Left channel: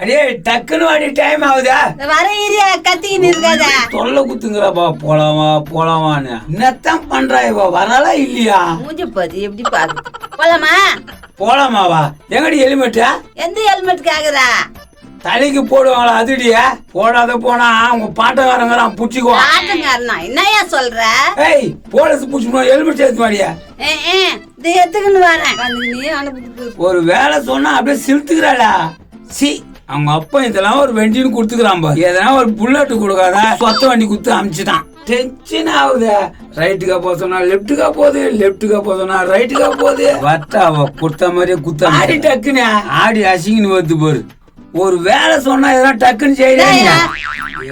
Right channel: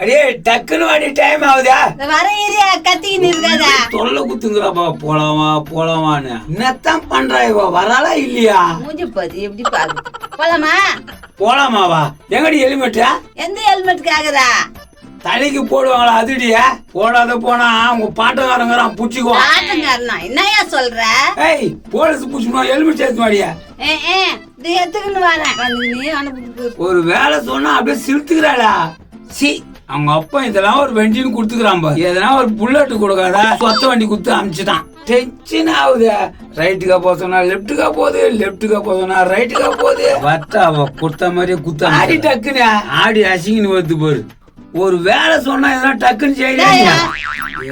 அடே டக்குன்னு வாடி டைம் ஆகுதா? வர ஏரியா கத்திக்கின்னு இருக்காத. தொல்லை குத்துங்கிறப்பா போலாமான்னு என்னத்தான் பண்றா இவ வராளா இல்லையா? மூஞ்சி பாரு எப்படி பாரு. போலாமா? போலாமாவா? எங்கடி ஹெல்மெட்டா? எந்த ஹெல்மெட் கேக்குறா? தலைக்கு போடுவாங்களா அதுடியா? போடாத போனா உங்க பாட்டக்காரங்கிறான் புடிச்சுக்கோ. பாட்டக்காரனா என்னையா சொல்ற? ஏய் போலீஸ் புடிச்சுக்கோ ஹெல்மெட் எடுத்து வாடியா. இது எத்துக்குன்னு வரேன். நீ அனுப்பிட்டு ஒரு வேலை சொன்னா அப்படியே சிரித்துக்கிறாளா? சி அவங்க அப்பா இதெல்லாம் ஒரு வண்டின்னு கொடுத்துக்கிறான் பாரு. எதனா ஒரு புல்லட் கொடுக்காத சொத்த வண்டி கொடுத்து அனுப்பிச்சுட்டான். டென்ஷன் ஆகுது. ரைட்டுக்கா போக சொன்னா லெப்டுக்கா போகுது, லெப்டுக்கா போக சொன்னா ரைட்டுக்கா போகுது. வட்டா அவ குத்த மாதிரியே குத்த ஆடி டக்குன்னு ஆடி அசிங்கன்னு வருது பாரு. ஒரு வேலை சொன்னா எதனா டக்குன்னு செய்யறீங்க.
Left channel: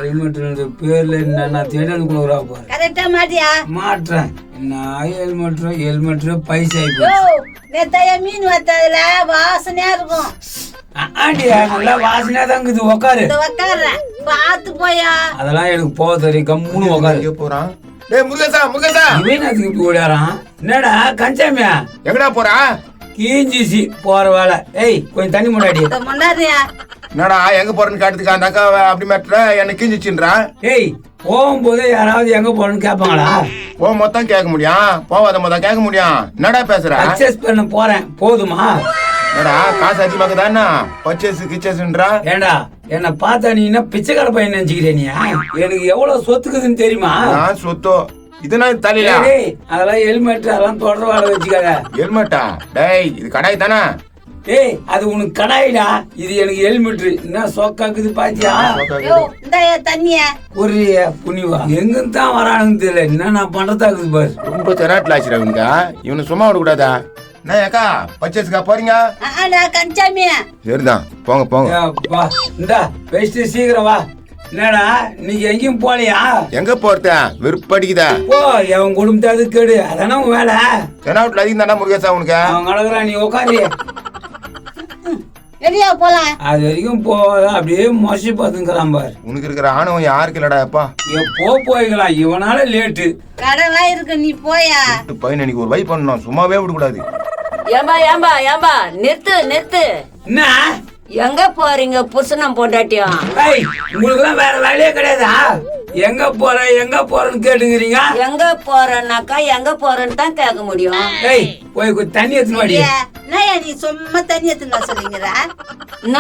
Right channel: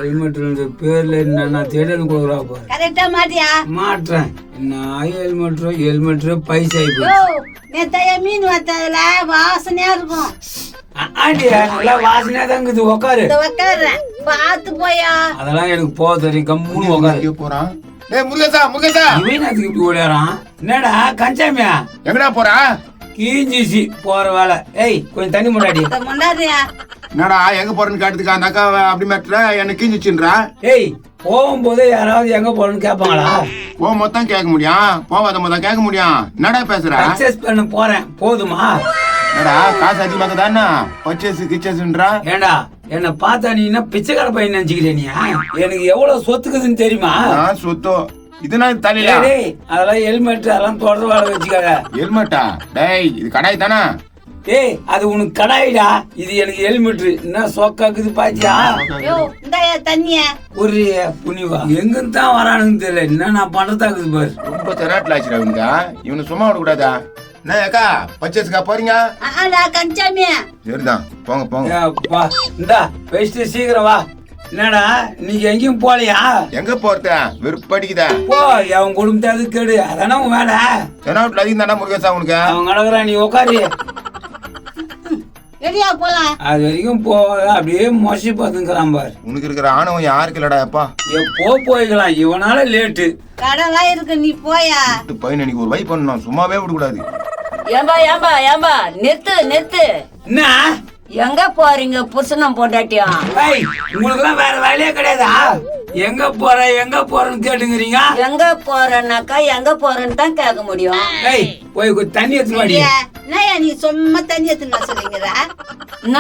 ஹெல்மெட் பேர்ல என்ன தேடல் கொடுக்குறா பாரு. கரெக்டா மாட்டியா? மாட்டுறேன். நான் ஹெல்மெட் பைசா நேத்தாயா மீன் வத்ததுல வாசனையா இருக்கும். ஆண்டியா நல்லா வாசனையா தான் இருக்குது. உக்காரு. உக்காடுறேன் பாத்து போயா. அதெல்லாம் எனக்கு போக தெரியும். கம்முன்னு உக்காரு. போறான். டேய் முருகேசா இவன் அதுக்கு இப்படி ஓடாரான். என்னடா கஞ்சாமியா எங்கடா போறா? கீஞ்சிசி போற வேலை. ஏய் கொஞ்சம் தண்ணி முன்னாடி. முன்னாடியா என்னடா எங்க போறேன்னு கேட்டதுக்கு அந்த அக்கா அப்படி மாட்டுற என்ன கிஞ்சிச்சுன்றா? ஏய் போகும்போதே யாராவது எங்க போறேன்னு கேட்பாங்களா? போ மொத்தம் கேட்க முடியும், போவாத மொத்தம் கேட்க முடியும். என்னடா பேசுற? பர்ச்சேஸ் பண்ண போறேன் போதுமா? என்னடா காசு அதிகமாக தானே பர்ச்சேஸ் கிச்சேஸ்ன்றா? ஏண்டா என்ன பார்த்தா நீ என்ன பிச்சைக்கார பையன் நினைச்சுக்கிறேனியா? எனக்கு எவ்வளவு சொத்துக்குதுன்னு தெரியுமா? நான் சொத்தோ இதுனா தலையா? டேய் அதெல்லாம் ஹெல்மெட் அதெல்லாம் தொடர்ந்து வாழ வச்சுக்காத. ஹெல்மெட்டா? டேய் இது கடாய் தானே? ஏய் அது உனக்கு கடாயிடா, இது எனக்கு ஹெல்மெட். என்ன சோக்காக்குது பாத்தியா? இந்தாயா தண்ணியா? ஒரு புனிவா எங்க தான் வரானுன்னு தெரியல. என்ன நான் பண்றதாக்குது பாரு. ரொம்ப தெராட்டில் ஆச்சுடா இவனுங்க. இவனை சும்மா விடக்கூடாதா? என்ன அக்கா பர்ச்சேஸ்க்கா போறீங்க? கஞ்சாமியா சரிதான் போங்க போங்க. அப்பா இந்தா வெஸ்ட் சீக்கிரம் வா. என்னடா நீங்க எங்கேயும் போலையா? எங்க போறத வெறுப்படிக்குதா? போ அவன் குடும்பத்தாது கேடு. அதானே உன் வேலை. தெனாவட்டில் அதிகம் தானே முருகேசா உனக்கு? அவன் கடக்குறான் நீ உட்காரு. ரெடியா போலாம். அது வரைக்கும் போகாத அப்படியே மொசி பார்த்துக்கிறான் பாரு. உனக்கு இருக்கிற ஆணவம் யாருக்கு இல்லடா எப்பா? எப்போ போய்க்கலாம் இவனால லேட்டு. கடலாம் இருக்கு நீ போயா. பையன் எனக்கு ஒரு வை பண்ணணும், சும்மாவே விடக்கூடாது. ஏம்பா நிறுத்து. என்ன எங்க போறீங்க புருஷனம் பொண்டாட்டியும்? உங்களுக்கு எல்லாம் வேற வேலையே கிடையாதா? எங்க போறேன்னு கேட்டுக்கிறீங்க. எங்க போறேன்னாக்கா எங்க போறேன்னு தான் கேட்க முடியும். போய் தண்ணி எடுத்து மாடியா. என்னயா நீ சும்மா தண்ணி எடுத்துன்னு சொல்லுங்கடா. என்ன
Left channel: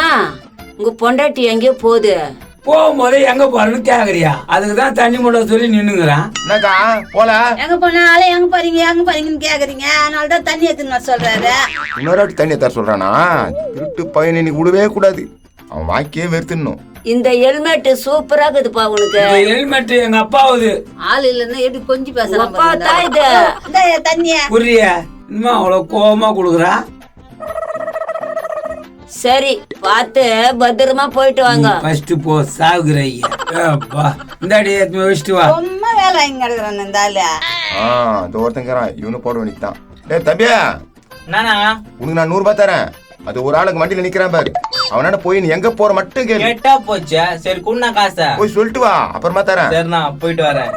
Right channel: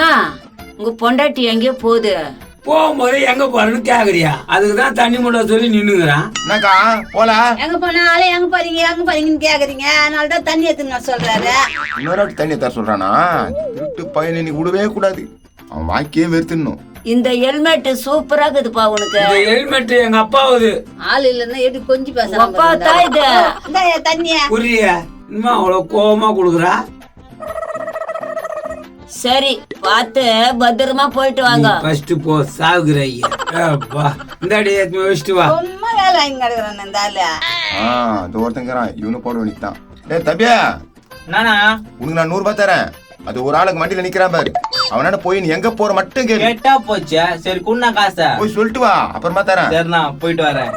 உங்க பொண்டாட்டி எங்கேயோ போகுது? போகும்போது எங்க போறேன்னு கேக்குறியா? அதுக்குதான் தண்ணி மூட சொல்லி நின்னுங்கிறான். என்னக்கா போல? எங்க போனாலும் எங்க போறீங்கன்னு கேக்குறீங்க. அதனால தான் தண்ணி எடுத்துன்னு சொல்றாரு. இன்னொரு தண்ணி தர சொல்றானா? திருட்டு பையன் இன்னைக்கு விடவே கூடாது. அவன் வாக்கியே வெறுத்துடணும். இந்த ஹெல்மெட் சூப்பரா இருக்குதுப்பா உனக்கு. ஹெல்மெட் எங்க அப்பாவுது. ஆள் இல்லன்னா எப்படி கொஞ்சம் பேசுறாங்க. தண்ணிய புரிய இன்னும் அவ்வளவு கோபமா குடுக்குறா. சரி பார்த்து பத்திரமா போயிட்டு வாங்க. ஃபர்ஸ்ட் போ சாகுற. இந்தாடி வச்சுட்டு வா. ரொம்ப வேலை வாங்கி கிடக்குறான் இந்த ஆளு. இந்த ஒருத்தங்கிறான் இவனு போட வேண்டியதான். டேய் தம்பியா நானா உனக்கு நான் 100 ரூபாய் தரேன். அது ஒரு ஆளுக்கு வண்டியில நிக்கிறான் பாரு. அவனால போய் நீ எங்க போற மட்டும் கேளு. கேட்டா போச்சா? சரி குண்ணா காசை போய் சொல்லிட்டு வா, அப்புறமா தரேன். சரிண்ணா போயிட்டு வரேன்.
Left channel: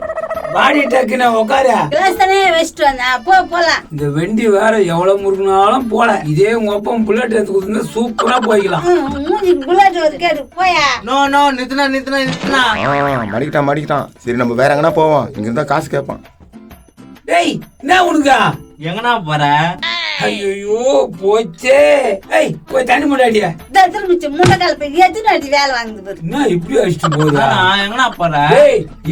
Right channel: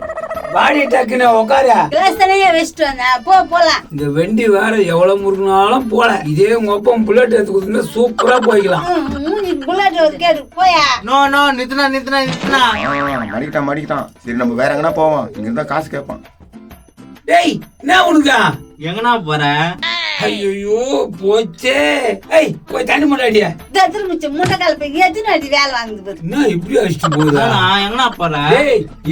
வாடி டக்குன்னு உட்காரு. கிளாஸ்தானே வச்சுட்டு வந்தேன். போலாம். இந்த வண்டி வேற எவ்வளவு முருகினாலும் போல. இதே உங்க அப்பா புல்லட் எடுத்து கொடுத்தா சூப்பரா போய்க்கலாம். புல்லட் ஒரு கேடு போயா. நோ நித்துனா மடிக்கிட்டான். சரி நம்ம வேற எங்கன்னா போவோம். இங்க இருந்தா காசு கேட்பான். ஏய் என்ன உனக்கா? எங்கண்ணா போற? ஐயோ போச்சே. போய் தண்ணி முன்னாடியா. திரும்பிச்சு முன்ன காலத்து எத்தனை வேலை வாங்குது. என்ன இப்படி அடிச்சுட்டு போகுது? எங்கண்ணா போற?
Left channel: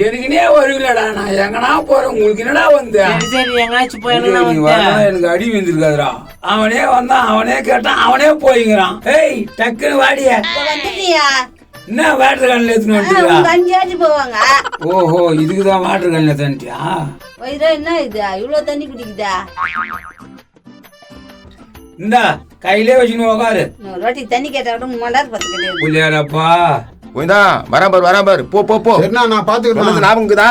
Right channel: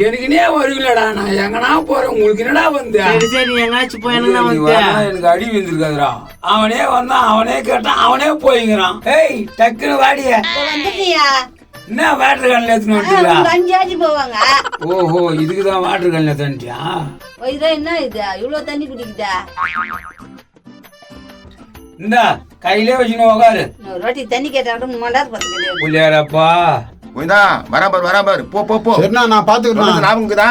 எனக்குனே வருவில்லடா. நான் எங்கனா போறேன். உங்களுக்கு என்னடா வந்த? சரி எங்கனாச்சும் போய் எனக்கு அடி விழுந்திருக்காதுடா. அவனே வந்தான், அவனே கேட்டான், அவனே போய்ங்கிறான். டக்குன்னு வாடிய. என்ன வாட்டர் கன்ல எடுத்துன்னு வந்துட்டா? 5 ஆடி போவாங்க. ஓஹோ இதுக்குதான் வாட்டர் கன்ல தண்ணியா? என்ன இது இவ்வளவு தண்ணி குடிக்குதா? இந்த கையிலே வச்சுன்னு உட்காரு. ரொட்டி தண்ணி கேட்டா மண்டார் பத்துக்கு புள்ளியாரப்பா. வராபார் போ. சரிண்ணா நான் பாத்துக்கிறேன். ஞாபகம்க்குதா?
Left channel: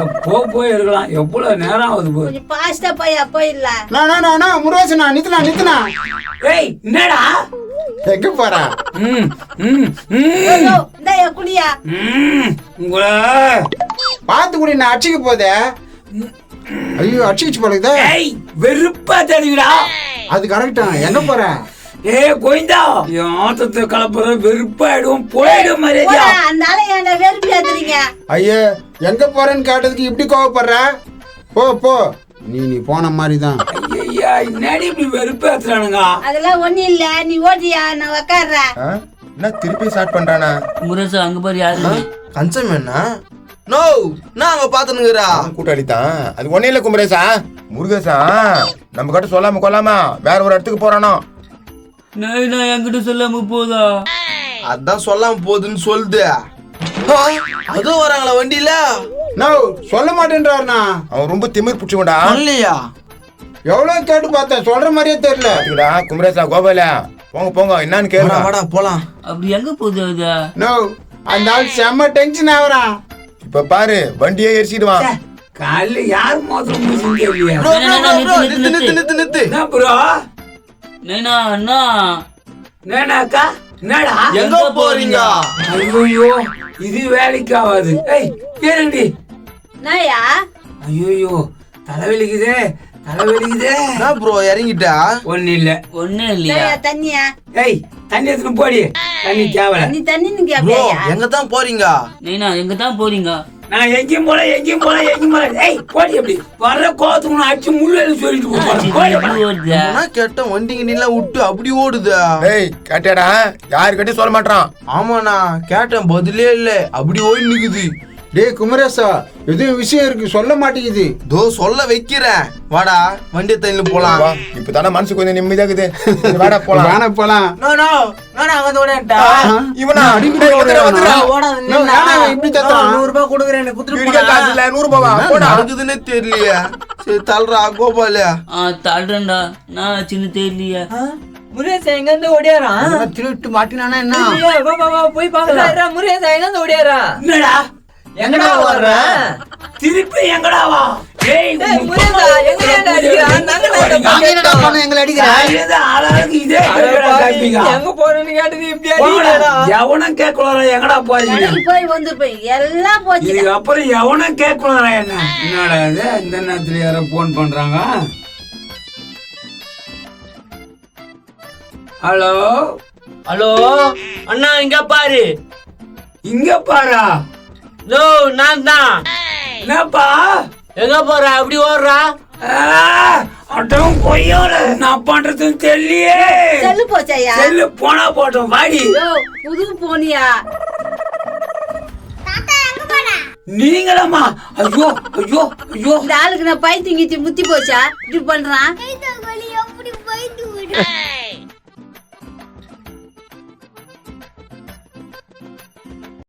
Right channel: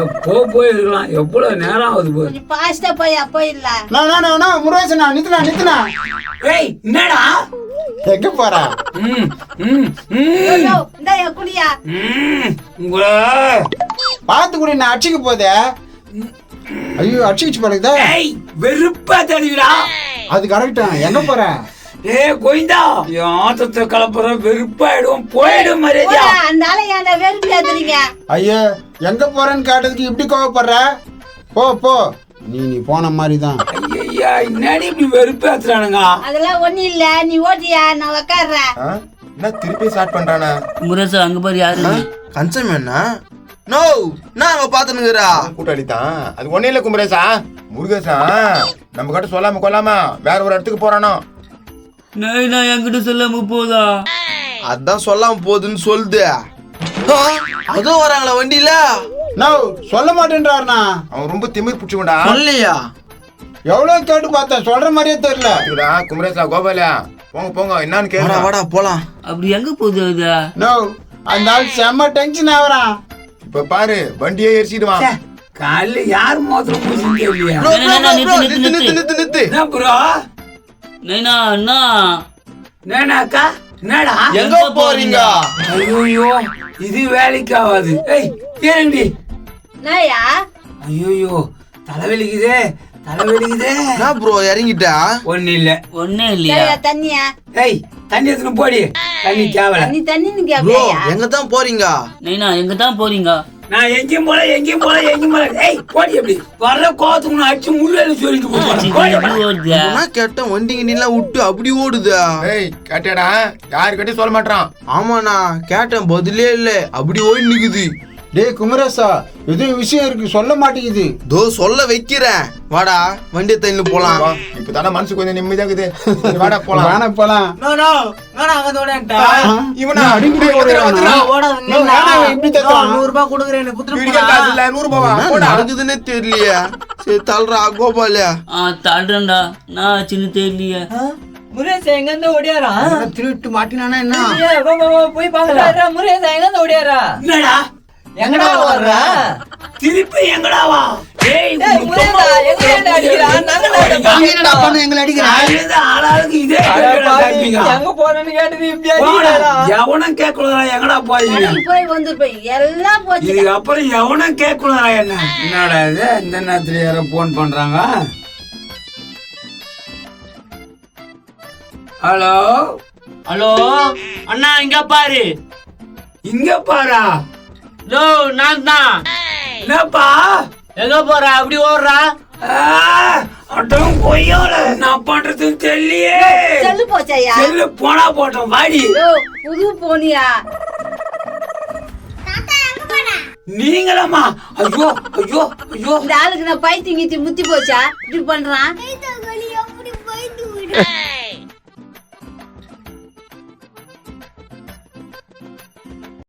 எப்போ போயிருக்கலாம். எவ்வளவு நேரம் ஆகுது போய். கொஞ்சம் பாஸ்டா போயிடலாம். முருகேசனா நித்துனா. என்னடா எங்க போறா? குடியா பாத்து கூட நான் அடிச்சுக்க போதே. ஐயோ அடிச்சுச்சு போலக்குதா. வெறுப்பா தெரியுடா. அது கரெக்டா. எங்க போற? கோயிந்தா என் ஆத்தத்தை கலப்புற வெறுப்பாயிடும் போயிடும் மரியாதையா. போடா, அந்த ஆளை ஏன்டா வெறுப்பு ஏத்துறீங்க? ஐயே எங்க போறேன்னு கேட்டதுக்கு இப்படி கோவப்படுற? போ போ, நீ போன மாதிரி தான். ஐயா என்னடி இப்படி வெறுப்பேத்துறானுங்க? அதெல்லாம் ஒண்ணும் இல்ல, நீ ஓட்டியா, நான் உக்காடுறேன். ஆ? என்ன திருப்பி ஸ்டார்ட் பண்றானா? முரசு அங்க பாரு யாரு கஞ்சம் என்ன நோ நான் அங்க பாத்துனுங்கறா கூட்டாளி தான் அது. ஒன்னே இல்ல குமரேசா, முருகேசா நம்ம கிட்ட சொல்லாம கொள்ளாம வேற ஒரு இடத்துக்கு போறானோ. நைனா என்கிட்ட சொல்லாம போதா? அதான் சொல்லாம போகுதுன்னு சொல்லுது. அதுவும் வராங்களா வண்டியில? நோ சொல்ல மாட்டேன்றாருண்ணா. அவன் ரொம்ப திமிர் பிடிச்சுக்கோடா. சொல்லியா? எவ்வளவு கேட்டு பார்த்தேன், சொல்ற மாதிரியே தெரியல. குமரேசா கோபாலா போங்க போங்க, என்னன்னு வாடா கேளுடா. வாடா போலாம். அப்படி எங்க போகுது அது? நோ அந்த ஆள் செம்ம டென்ஷன் ஆகுறான். இப்ப பாரு வண்டியே எரிச்சிடுவான். காலைல யார் மோதிரம் முடிச்சுன்னு தெரியலையா? Bro bro bro bro Nithu Nithu Nithu Nithu. என்ன ப்ரோ? நைனா அண்ணா என்னக்கா என்னடா? எங்க போறீங்க? ஐயோ இது வேலைக்கு ஆகாது. ஏறண்டி. நாயா ஐயோ தலைவலிக்குதே தலைவலிக்குதே. என்ன ப்ரோ இறங்கிட்டா? ஒண்ணு இல்ல. ஒன்னே இல்லையா? தண்ணியா? தண்ணி எடுத்துன்னு போடி. தண்ணி தேவல. நீ தண்ணி ப்ரோ கேப்பியா? எங்க தான் போறீங்க? நைனா எங்க தான் போறீங்க? நான் எங்கேயும் போல எங்கேயும் போல எங்கேயும் போல. போடி எப்படி வர்ற கோத்துக்கு அடிச்சு முள்ளு சொல்லிட்டு போய். எப்படி ஓடுது? நான் கேட்ட வண்டி கிண்டிலாம் விட்டு அப்படி ஓடுது. ஏய் கேட்டடா, யாரு கிட்ட சொல்ல மாட்டான். ஆமாண்ணா கேட்டேன், பதிலே இல்ல, அப்படி ஓடி நிக்குது. டேய் குமரேசா, எது விஷயம் இருக்கு சொல்ல மாட்டேங்குது. தோ சொல்ல வைக்கிறேன், வாடா வண்டியை தண்ணி போலாம். இப்பதானே மனசு கொஞ்சம் நிம்மதியாகுது. சரி, வாடா போலாம். வான போலாம். நோ நோ நான் அங்க ஓடேன்டா. இவனா அடிக்கடி ஓடுறானா? ஓடாதீங்க. நோ, ஏன்னா இவன் இப்படி தத்துறான்? 100 ரூபாய் கொடுக்குறேன், எனக்கு குத்துட்டு வீட்டுக்கே போடா. காசு இல்ல, 100 ரூபாவா? என்ன போடா. நடக்குதுன்னே தெரியலையே. சரி தள்ளுறா கோபாலியா. தள்ளுறேன்டா நான் சின்ன தெரியலையே. முருகேசா எங்க இருந்து ஓடியாரா? திருட்டு மாட்டினானா என்ன? போய் பாக்கலாம். முருகேசா எங்க இருந்து ஓடியாரா? என்னடா எங்கடா ஓடுறான்? திருப்பி எங்கடாவா? முருகேசா எங்க அடிக்கிறான்? எங்களை அடிக்கிறா? ஆளாளுக்கு இதே கேட்கறா காப்பீங்க. எங்க போறேன்னு கேட்டது இப்படி அடிக்கிறாரா? எவனும் கேட்கலடா எங்கடா போறீங்க? போய் வந்து போய் எல்லாம் போச்சு. இதுக்கு அப்புறம் எவனும் கேட்கலடா என்ன? என்னடா இது இந்த நேரத்துல யாரும் போன் பண்றாங்க? ஹலோ ஹலோ அண்ணா இங்க பாரு. இங்க பாரா. லோ நான் தான். என்னப்பா எங்க போற அப்படி ஓடுறா? அட்டம் பொய்யோட நான் பண்றதுன்னு தெரியலையே. செல்லு போச்சாயா? செல்லு போனா போட்டோம் வாடி. புது போனியா? நீங்களம்மா? ஐயோ ஐயோ ஐயோ. இந்த ஆளுக்கு நான் பைத்தியம் கீத்தி முத்தி போச்சா இப்படி பண்றான்?